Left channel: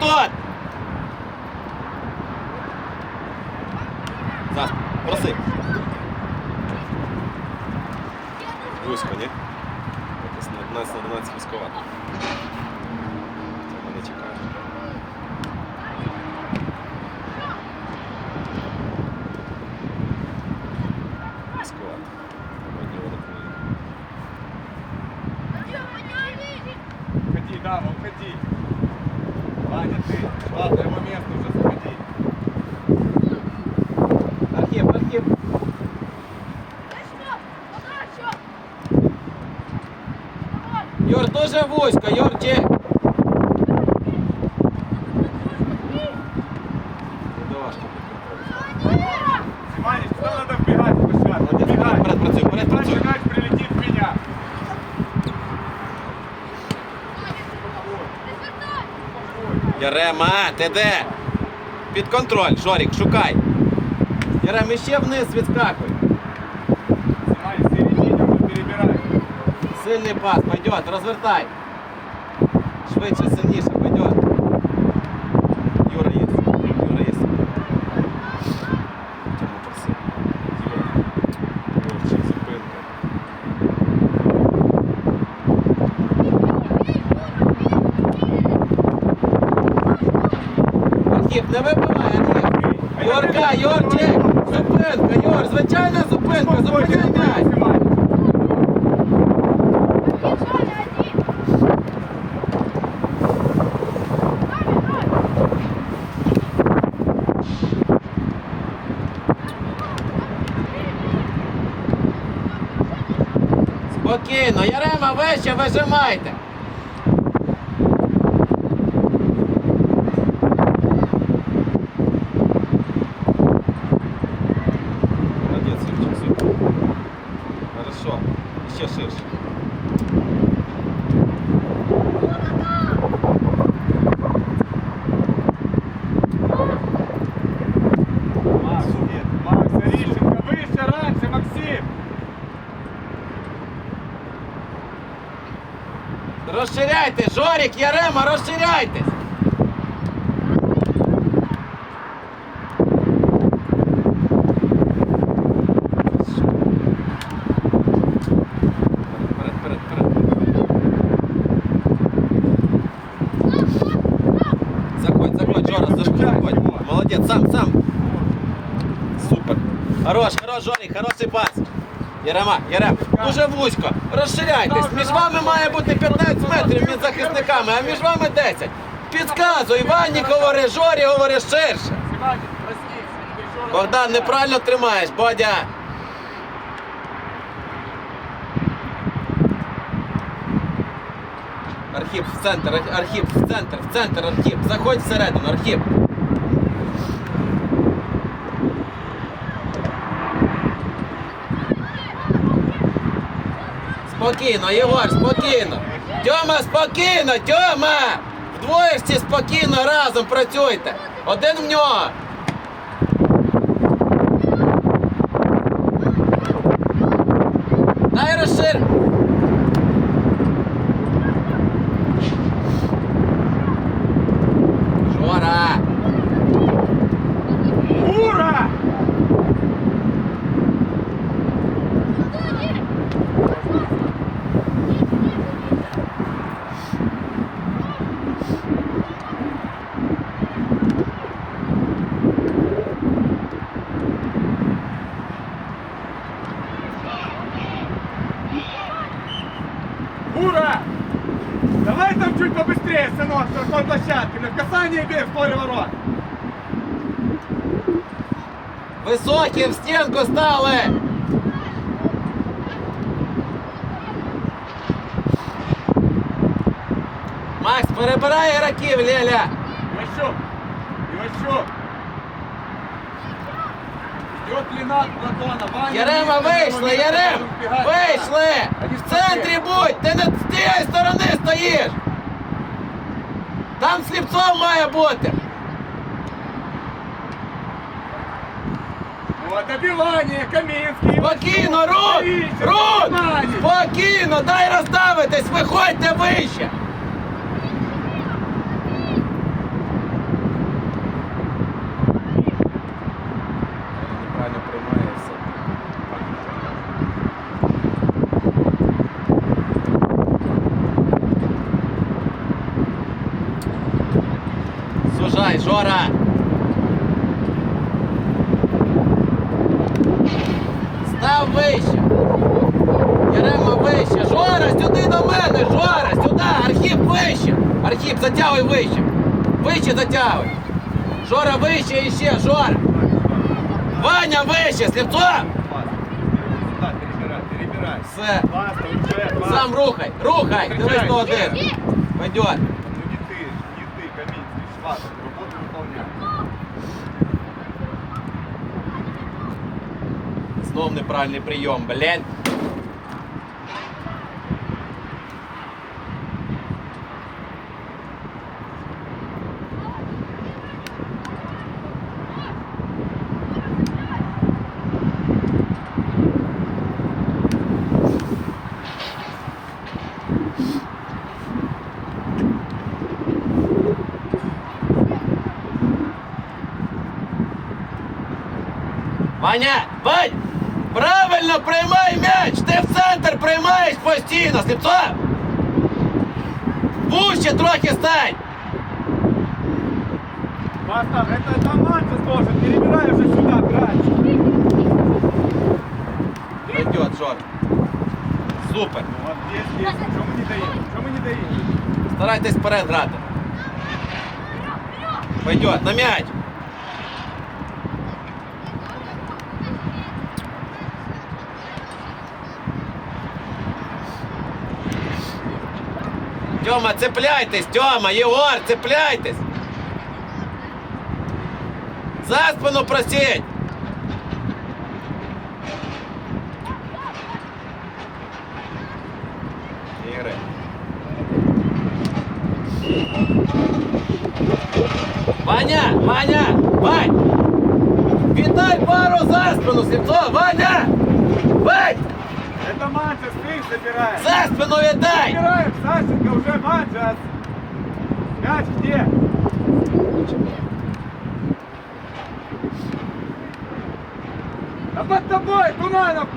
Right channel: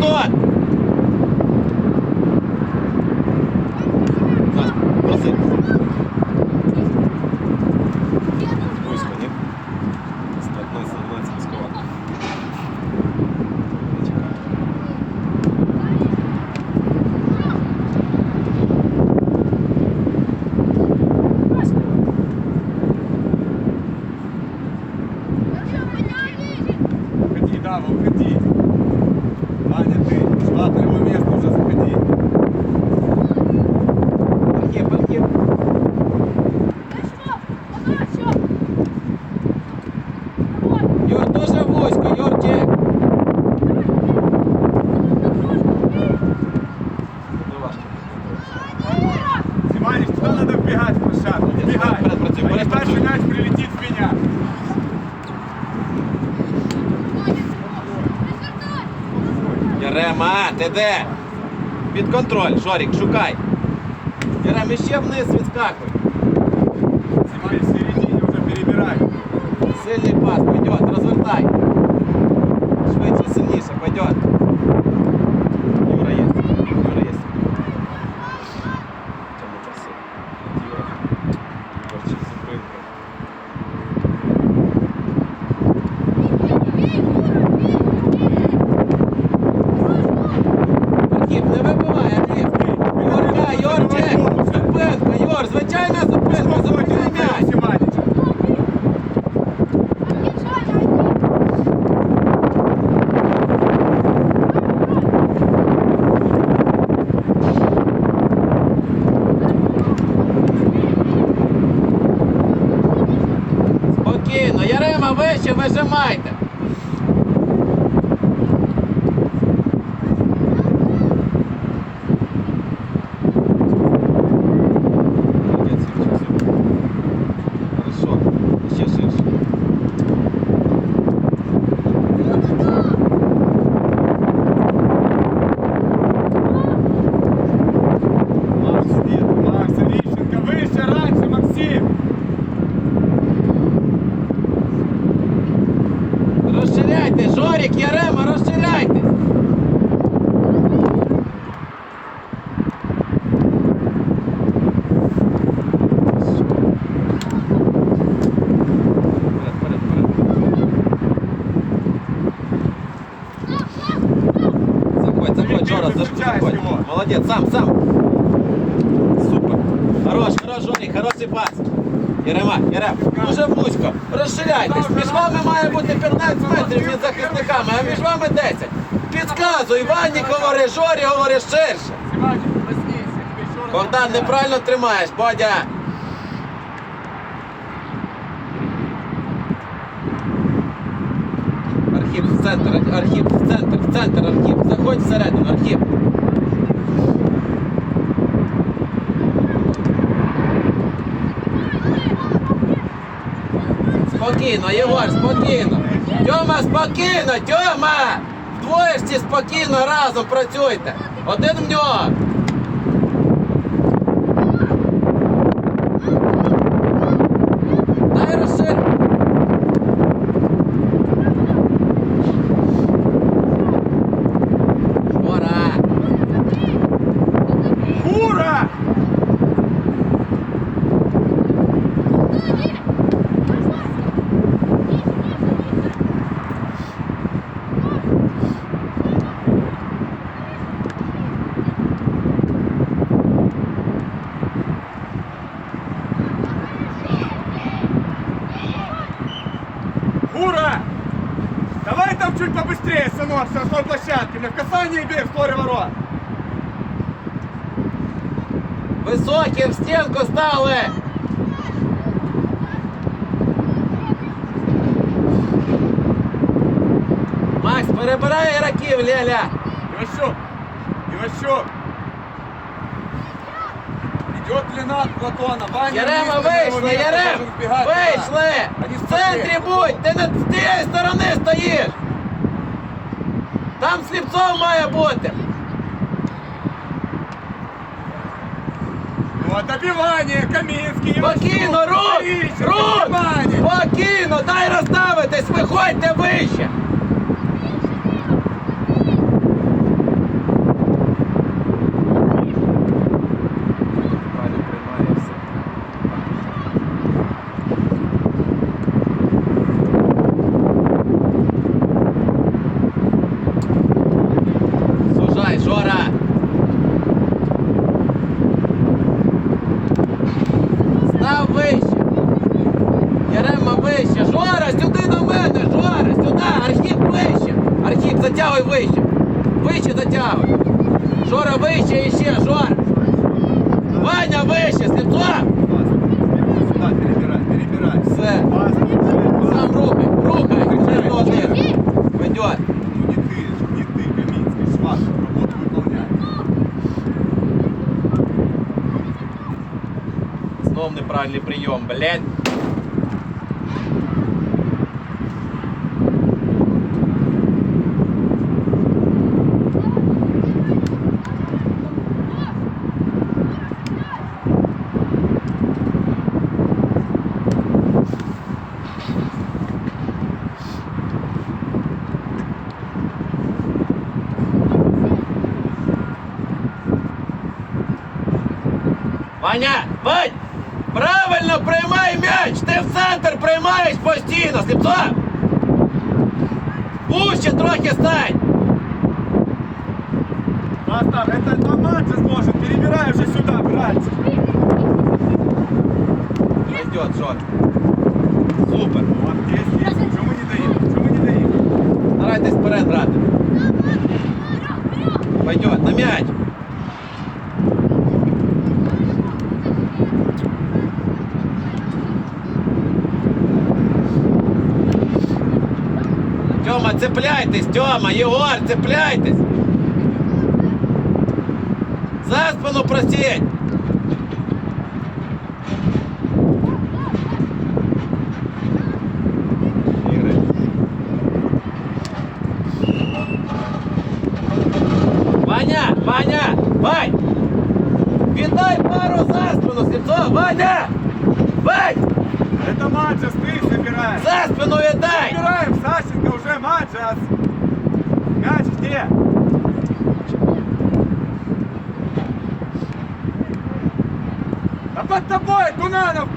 маєш Ваня, что надо вбегать в площадку? Вбегать. Працюй. мяч прилетит в меня. Ярема, ти де? Під контроль, Жорік, шукай. Ярем, іще вниз відскакуй. Ваня, в середине уже перебирай. Сильний пас, пойдет, розвертай. Швидше, сильніше, пойдет. Юра є. Юра є. Тому проси. Юра. Юрчик, зупинка. Архіп, не вибивай, Архіп. Юрка, Юрчик, зупинка, Юр, звичайна зупинка, зупини м'яч. Ваня. Спокійно, Ярема, вище вижимайте. Молодець, Юрчик, супер. Хорошо, ще ширше. Макс, Макс, Орищенко, выше, раньше, Максим. Розширяйте, Жорік, Ярема, розширяйтесь. Вперед, вперед, вперед. Заходь, заходь, Жора, заходь. Молодець, сам, сам. Супер. Хорош, хорош, Жорік, хороший пас. Єрема, Єрем, дуже вузько. Розширяйтесь. Між вами має бути 15 метрів між захисниками, а між вами 10. Підказуй, Ванні говори, Жорі говори ширше. Богдан, неправильно тримаєш, Бодя. Архіп в центр, Ар- Архіп в центр, в центр, Архіп. Заходь всередину, Архіп. Спокійно, Єгор, спокійно. Тьома, спокійно, Тьома! Вдвоєшці спокійно разом працюйте. Один в нього. Ура! Давай там чуть побыстрее, сынок, с такой площадки. На касание бей в створе ворот. Високі в стінку стали! Макс, перебирай ігроків, Леля! Иващук! Иващук! Идет длина Платона. Ваня, Ярема, вийшли, Ярем! Вийшли! В центрі будь! Ти не з тієї сторони стоїш! Там сліпцов має бути! Вот добивание, Каминский. Спокійно, рух! Рух! Спокійно, дай розставитись, виходьте вище! Правильно приймає все. Сужай, Жора! Став вище! Ярема вище! Жора, сюди до мене! Жора, сюди! Архіп вище! Архіп, затягуй вище! Вище затягуй! Жора вище і ще, Жора! Ваня вище! Сліпцо! Сюда, перебирай, перебирай. Все! Пас, перебирай, пас. Сам рухай! Рухай! Дивись до один! Пойдет! Ну не ты, ж, не ты, Каминский, Шват, работу выполнял. Знов неправильний прийом, блядь. Ваня, бать! Правильно приймай м'яч! Ти в центр приймаєш постійно, сліпцо! Вуще трохи стань! Бастав, это Таманчес должен, перебирай уже сюда, братчик. Пойдет, Жор. Супер. Вот есть, есть. Чему не даем? Чему не даем? Старайтесь вперед грати. Пойдет, на м'яч. Тьома, цепляйтесь, Тьома, Єгор, цепляйтесь. За спину просіть. Ігри. Ваня, Ваня, Вань! Кидай пару за спину, Слепцов, Ваня! Вань! Манчес, ты собираешь. За спину віддай! Собираем, Сашенко, уже Маджас! Мяч где? Да под тобой, Тунанов!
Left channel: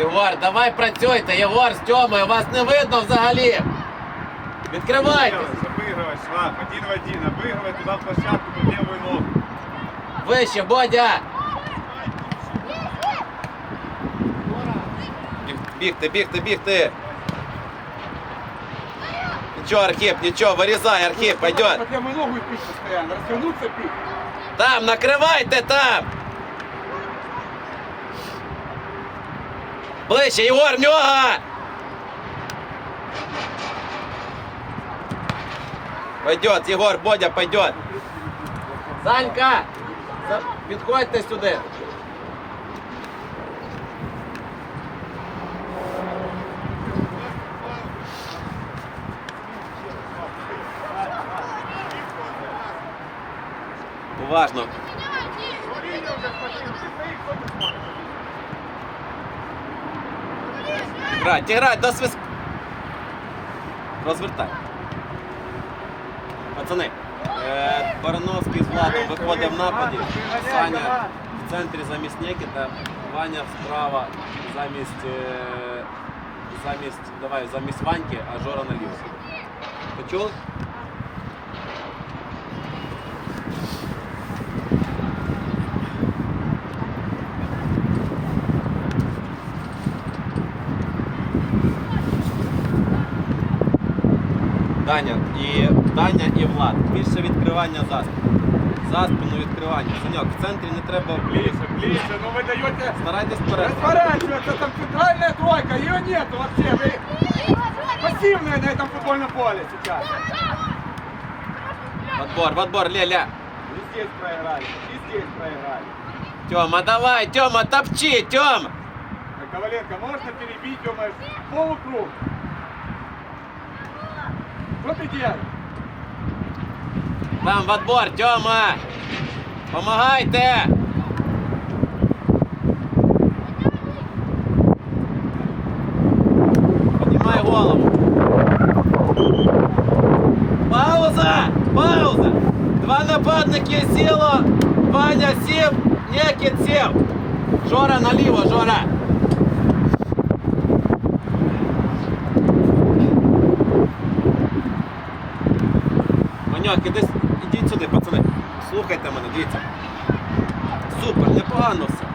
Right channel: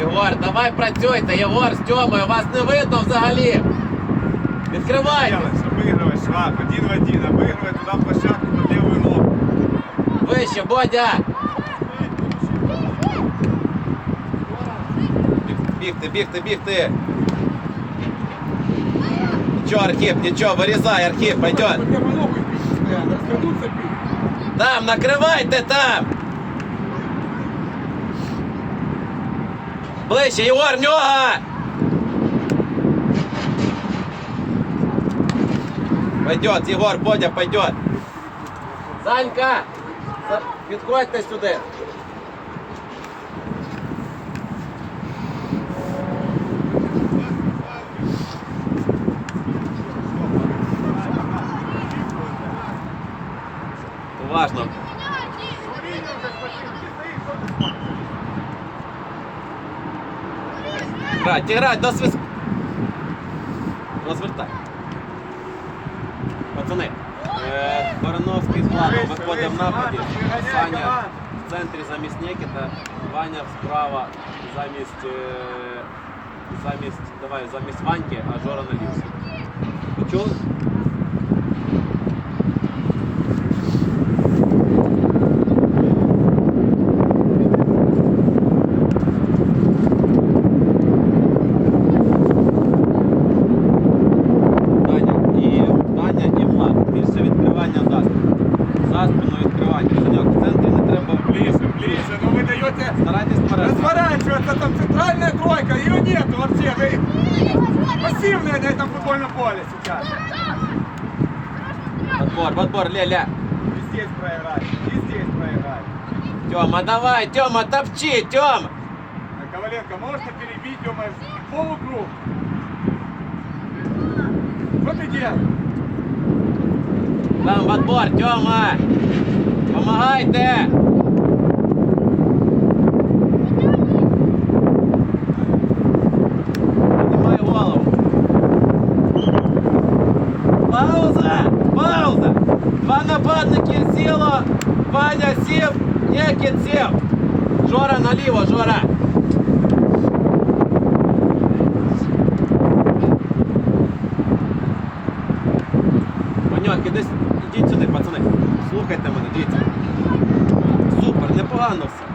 Єгор, давай працюйте, Єгор з Тьомою, вас не видно взагалі. Відкривайте. Обыгрывай, Шваб, один в один, обыгрывай туда в площадку под левую ногу. Вище, Бодя! Біг- Бігти, бігти, бігти! Нічого, Архіп, нічого, вирізай, Архіп, пойдет. Под левую ногу и пить постоянно, развернуться пить. Там, накривайте там! Ближче, Єгор, в нього! Пойдет, Єгор, Бодя, пойдет. Санька, підходьте сюди. Уважно. Грать, до свист... Розвертай. Пацани, е, Барановський з Владом виходить в нападі. Саня в центрі замість Нікіта. Ваня справа замість. е, Замість. Давай, замість Ваньки, а Жора наліво. Почув? Даня футбольном поле сейчас. Отбор, в отбор, ля-ля. И здесь проиграли, и здесь проиграли. Тёма, давай, Тёма, топчи, Тёма. Э, Коваленко, можно перебить, думаешь, полукруг. Что ты делаешь? Там в отбор, Тёма. Помагайте. Піднімай Нікіт сів. Жора наліво, Жора. Іди, с- ідіть сюди, пацани. Слухайте мене, дивіться. Супер, непогано все.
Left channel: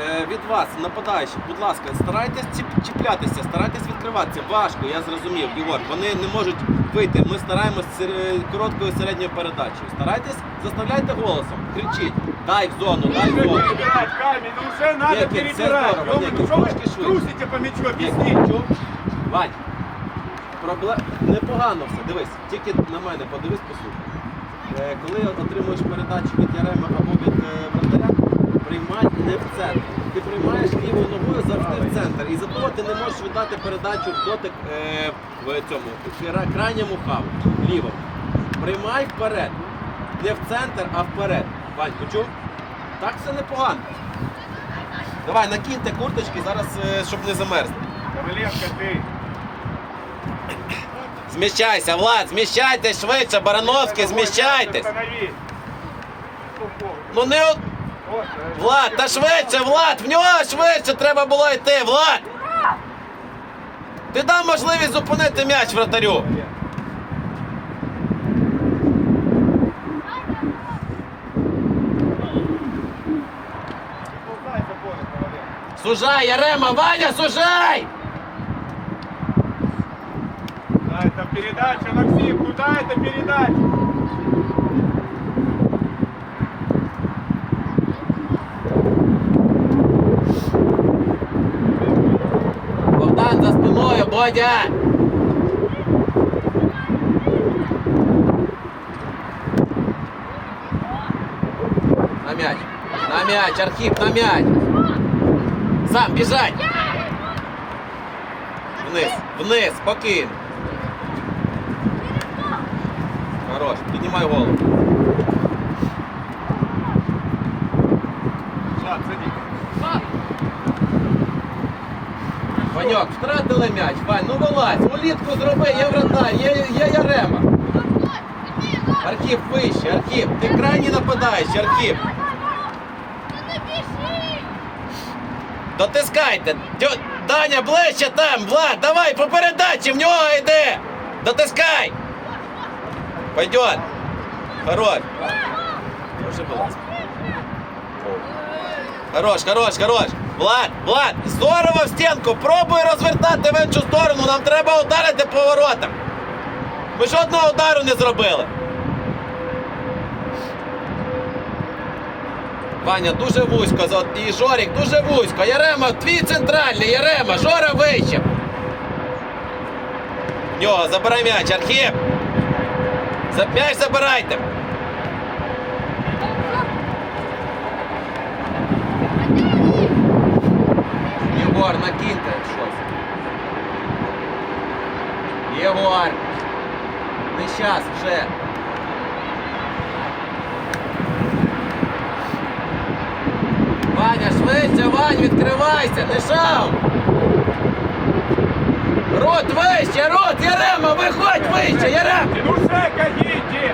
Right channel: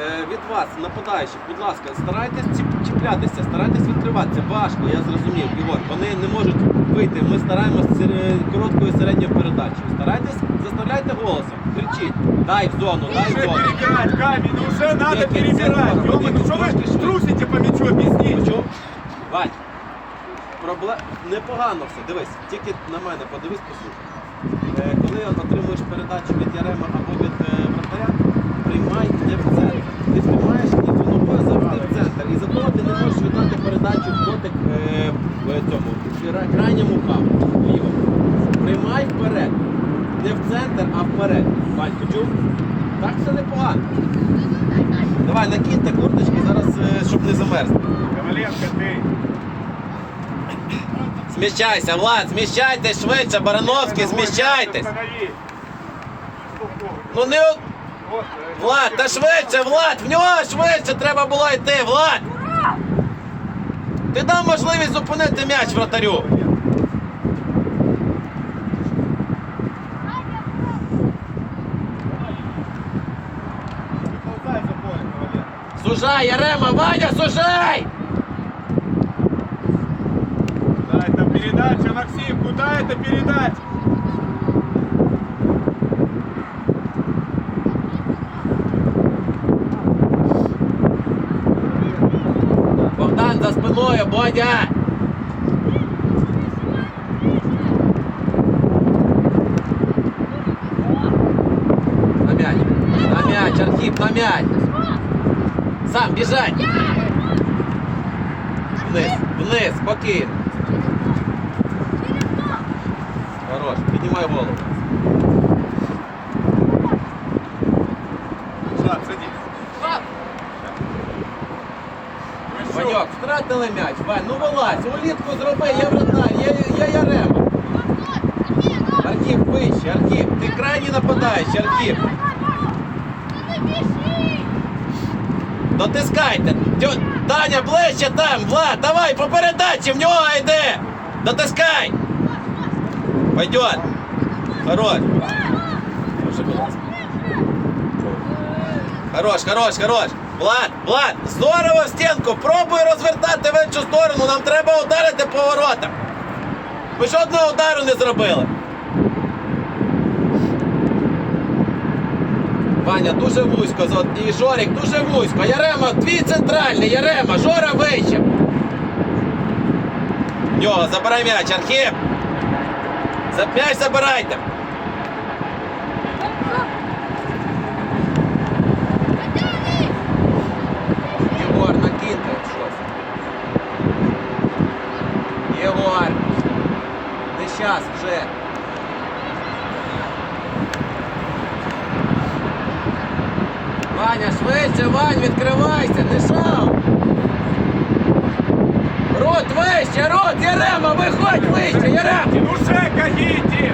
Е, від вас, нападаючи, будь ласка, старайтесь чіп- чіплятися, старайтесь відкриватися. Важко, я зрозумів, Ігор. Вони не можуть вийти. Ми стараємось короткою середньою передачею. Старайтесь, заставляйте голосом, кричіть. Дай в зону, дай в Уже зону. перебирать камень, ну уже надо Нет, нет, перебирать. Сергей, Ё-моё, Владимир, что вы трошки швидше. трусите по мячу, объясните. Чув? Вань, проблем... непогано все. Дивись, тільки на мене подивись, послухай. Е, коли отримуєш передачу від Ярема або від е, вратаря, приймай не в центр. Ти приймаєш лівою ногою завжди в центр. І за того ти не можеш віддати передачу в дотик е, в цьому в кра- крайньому хабу, ліво. Приймай вперед. Не в центр, а вперед. Вань, почув? Так все непогано. Давай, накиньте курточки зараз, е, щоб не замерзли. Коваленко, ты. Зміщайся, Влад, зміщайтесь швидше, Барановський, зміщайтесь. Ну не от- э, Влад, та швидше, Влад, в нього швидше треба було йти, Влад. Ти дав можливість зупинити м'яч вратарю. Сужай, Ярема, Ваня, сужай! Да, это передача, Максим, куда это передача? Богдан за спиною, Бодя! На м'яч, на м'яч, Архіп, на м'яч! Сам, біжать! Вниз, вниз, спокійно. Хорош, піднімай голову. Влад, садись. Ваньок, втратили м'яч, Вань, ну вилазь, улітку зроби, є вратар, є, є Ярема. Архіп вище, Архіп, ти крайній нападаєш, Архіп. Дотискайте. Даня, ближче там, Влад, давай по передачі, в нього йде. Дотискай. Пойдет. Хорош. Хорош, хорош, хорош. Влад, Влад, здорово в стінку. Пробуй розвертати в іншу сторону. Нам треба ударити по воротах. Ви ж одного удару не зробили. Ваня, дуже вузько. І Жорік дуже вузько. Ярема, твій центральний, Ярема, Жора вище. Нього, забирай м'яч, Архіп. М'яч забирайте. Єгор, накиньте щось. Єгор. Не щас вже. Ваня, швидше, Вань, відкривайся, дишав! Рот вище, рот, Ярема, виходь вище, Ярем. Ну уже кагіті!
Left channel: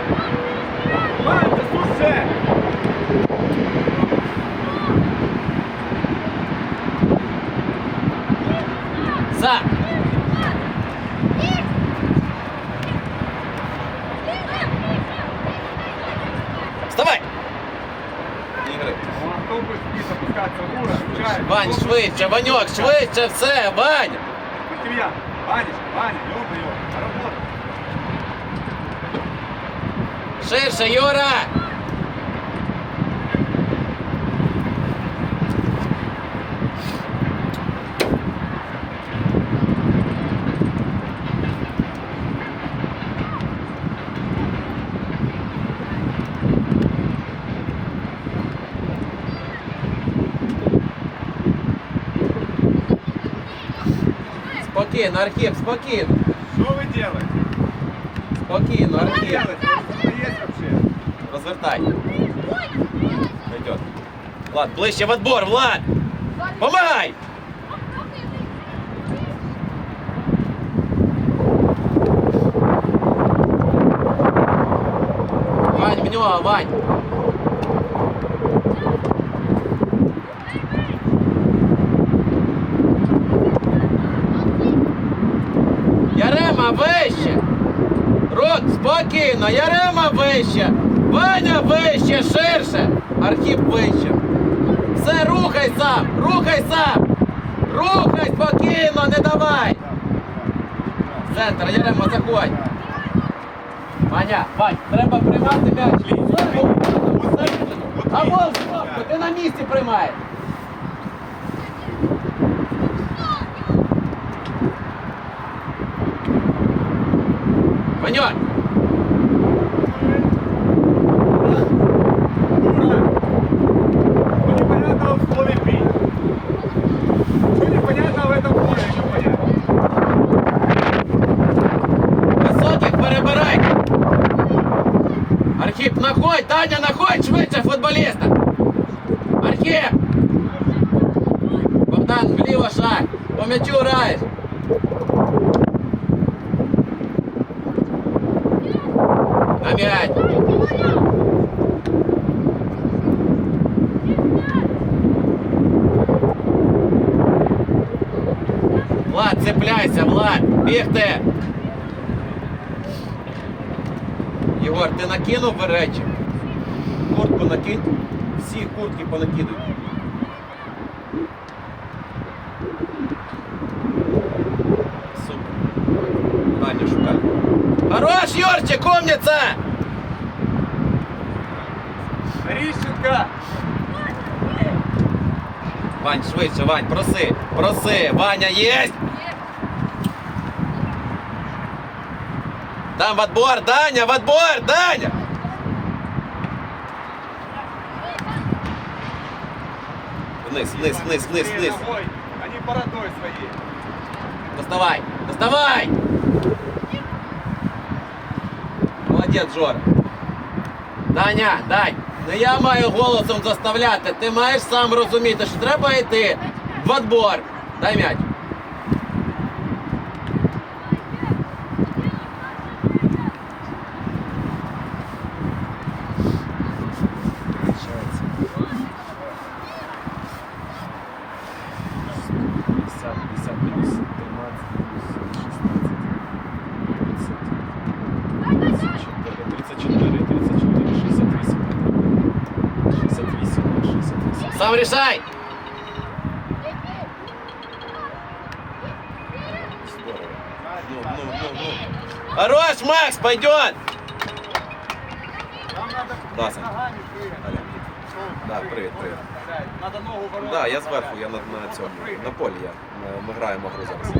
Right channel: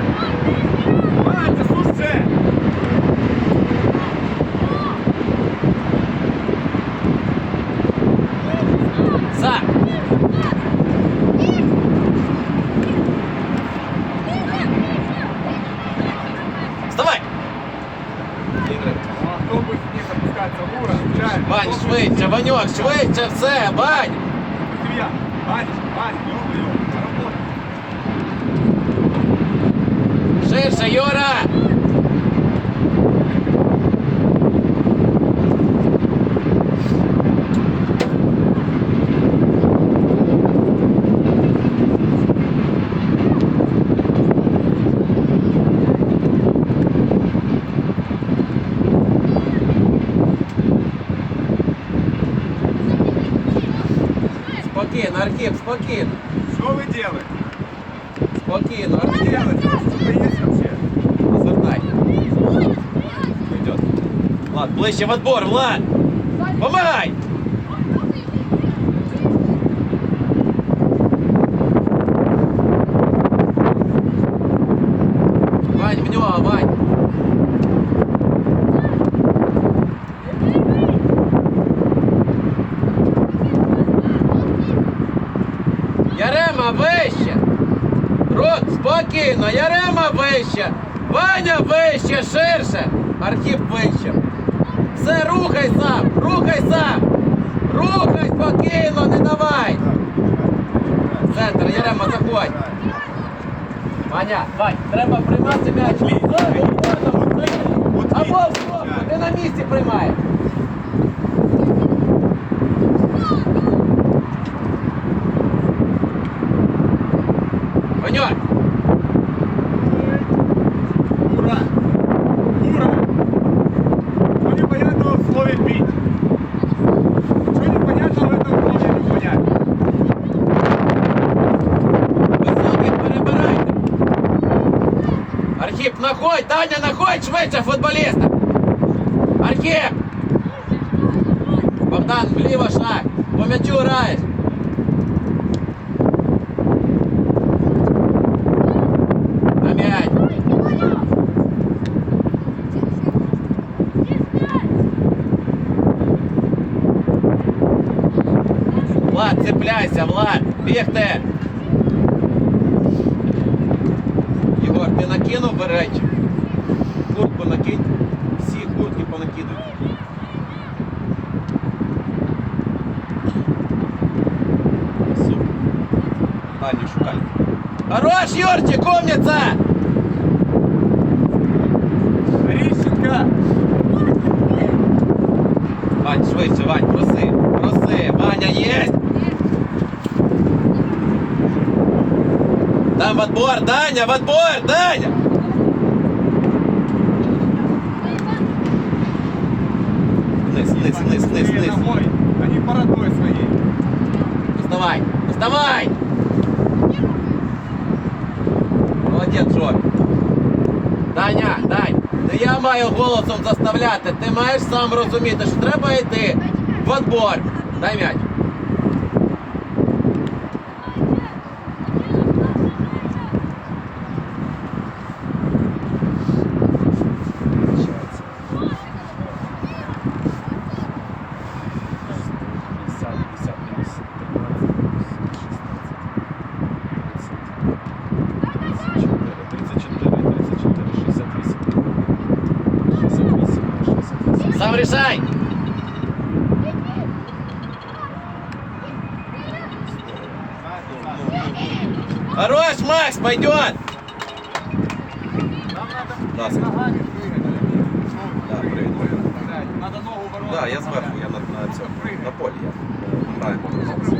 Мати, слушай! Вань, швидше, Ваньок, швидше, все, Вань! Максимilian, Ваня, Ваня, йома, на роботу. Ширше, Юра! Спокійно, Архіп, спокійно. Что вы делаете? Спокійно, вообще? Розвертай. Влад, ближче в отбор, Влад! Помагай! Вань, в нього, Вань! Ярема вище! Рот, спокійно, Ярема вище! Ваня вище, ширше! Архіп вище! Все, рухай сам! Рухай сам! Рухай спокійно, не давай! Центр, Ярема, заходь! Ваня, Вань, треба приймати м'яч. Або в стопку, ти на місці приймаєш. Ваньок! перебирай! Архіп, находь! Таня, находь швидше футболіста! Архіп! Богдан, вліво шаг! По м'ячу граєш! На м'яч! Влад, цепляйся, Влад! Бігте! Ти накинув речі? Куртку накинь. Всі куртки понакидуй. Супер. Аню шукай. Хорош, Юрчик, умница! Орищенко! Вань, швидше, Вань, проси, проси. Ваня есть? Там в отбор, Даня, в отбор, Даня! Вниз, вниз, вниз, вниз, вниз. Они по родной своей. Доставай, доставай! Молодець, Жор. Даня, Дань, не я маю голосом заставляти. Ти маєш сам розуміти, що треба йти в отбор. Дай м'яч. Сам решай! Хорош, Макс, пойдет! Надо ногами. Да, привет, привет. Надо ногу ворот. Да, я зверху, я на, на цьому. На полі я. Е, Ми граємо гру зараз.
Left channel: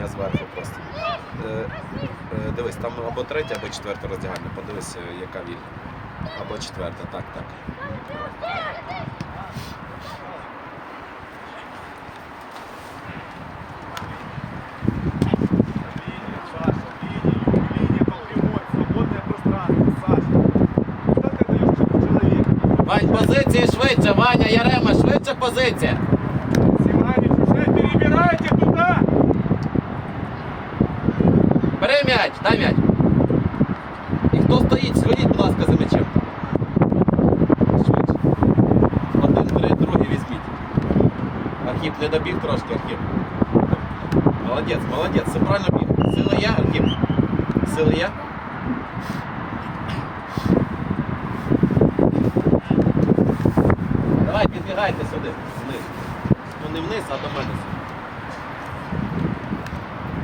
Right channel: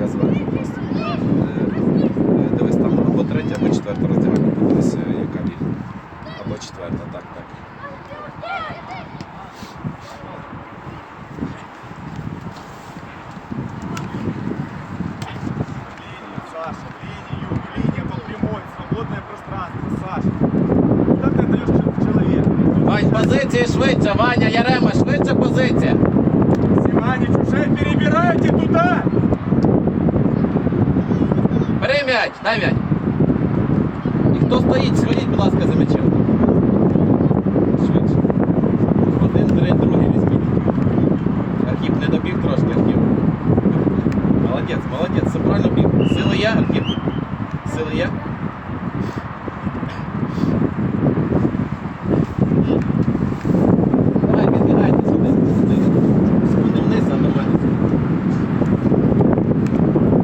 Я зверху просто. Е, е, Дивись, там або третя, або четверта роздягальня. Подивись, е, яка вільна. Або четверта, так, так. Вань, позиції швидше, Ваня, Ярема, швидше позиція. Симанич, уже перебирайте туда! Бери м'яч, дай м'яч. І хто стоїть, сходіть, будь ласка, за м'ячем. Швидше. Один, три, другий візьміть. Архіп не добіг трошки, Архіп. Молодець, молодець, все правильно біг. Сили є, Архіп? Сили є?